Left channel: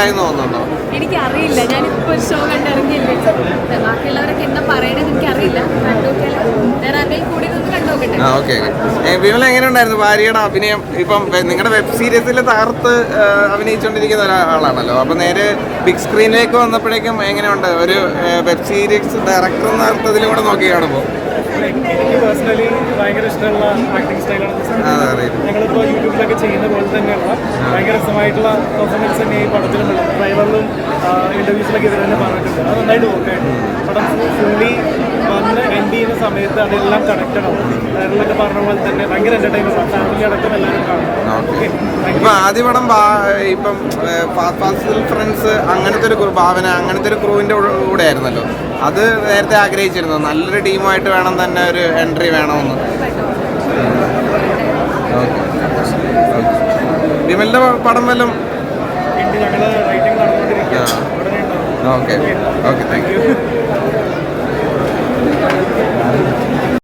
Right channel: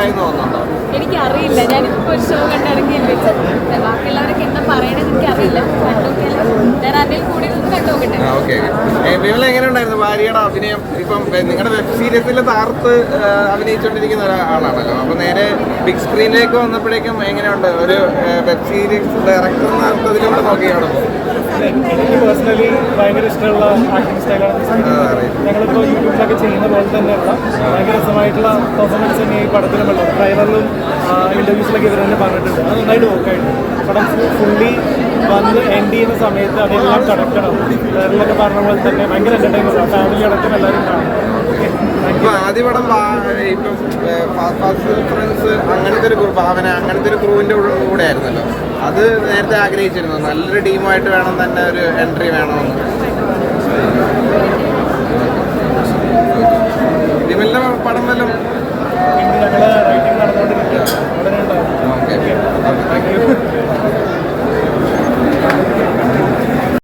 ആയി തോന്നുന്നുണ്ടോ? എനിക്കറിയില്ല, ഞാനിപ്പോൾ ഒരു ഷോ കണ്ടിറങ്ങിയല്ലേ, ബാക്കിയുള്ളവരൊക്കെ എന്താ പറയണമെന്ന് എനിക്കറിയില്ല. കണ്ടുനോക്കിയാൽ വേറെ ആരുടെയും കൂടെ നിന്ന് കണ്ടുനോക്കട്ടെ. ഓക്കെ. വിമല എങ്ങനെ ഉണ്ടായിരുന്നു ഭാര്യയുടെ അഭിനയം? ഇപ്പം നിങ്ങളുടെ വെബ് സീരീസിൽ തകർത്ത് അഭിനയിച്ചുകൊണ്ടിരിക്കുന്ന ഒരാളാണല്ലോ, അപ്പം നേരെ ബിഗ് സ്ക്രീനിലേക്ക് വന്നപ്പോഴേക്കും എങ്ങനെയുണ്ട് ഒരു വെബ് സീരീസ് ഡയറക്ടർ എന്ന അർത്ഥത്തിലൂടെ നോക്കിയാണ്? എനിക്ക് പേഴ്സണലി ഭയങ്കര ഇഷ്ടമുള്ള ആക്ടിങ് സ്റ്റൈലാണ്. ഞങ്ങളിപ്പോൾ യൂട്യൂബിലൊക്കെ ചെയ്യുന്ന പോലെ തന്നെയുള്ള ഭയങ്കര രസമായിട്ടുള്ള പെർഫോമൻസ് തന്നെ ഈ പടത്തിലുമുള്ള ഡ്രൈവറിലും ഇൻ്റർവ്യൂസിലൊക്കെ ഇവർ തന്നെ പറഞ്ഞിട്ടുണ്ട്. അത് നന്നായിട്ട് വർക്കായിട്ട് പടം ഫുള്ളി വന്ന് എൻഡ് ചെയ്യുന്ന സമയത്ത് അതെല്ലാം കണക്റ്റഡ് ആവും. വേറെന്നൊക്കെ പറഞ്ഞ പോലെ തന്നെ ഭയങ്കര എൻ്റർടൈൻമെൻ്റ് ആണ്. ഫാമിലി അടക്കം എല്ലാവരും കാണും. ആദ്യ പടം ഇപ്പം ഫ്രണ്ട്സ് അങ്ങനത്തെ ഒരു ഭാവന അങ്ങനത്തെ ഒരു ക്രൂവിൻ്റെ കൂടെ ആയിരുന്നല്ലോ, അത് നേരത്തെ ആഗ്രഹിച്ചിരുന്നു നല്ലൊരു ടീമായിട്ട് വേണം തന്നെ ഒരു എൻട്രി വേണമെന്ന്? വിമലിൻ്റെ പടം വല്ലതും ഞങ്ങൾ റൈറ്റിംഗ് നടന്നുകൊണ്ടിരിക്കുക, ഉടനെ ഉണ്ടാവും. ഓക്കെ. Thank you.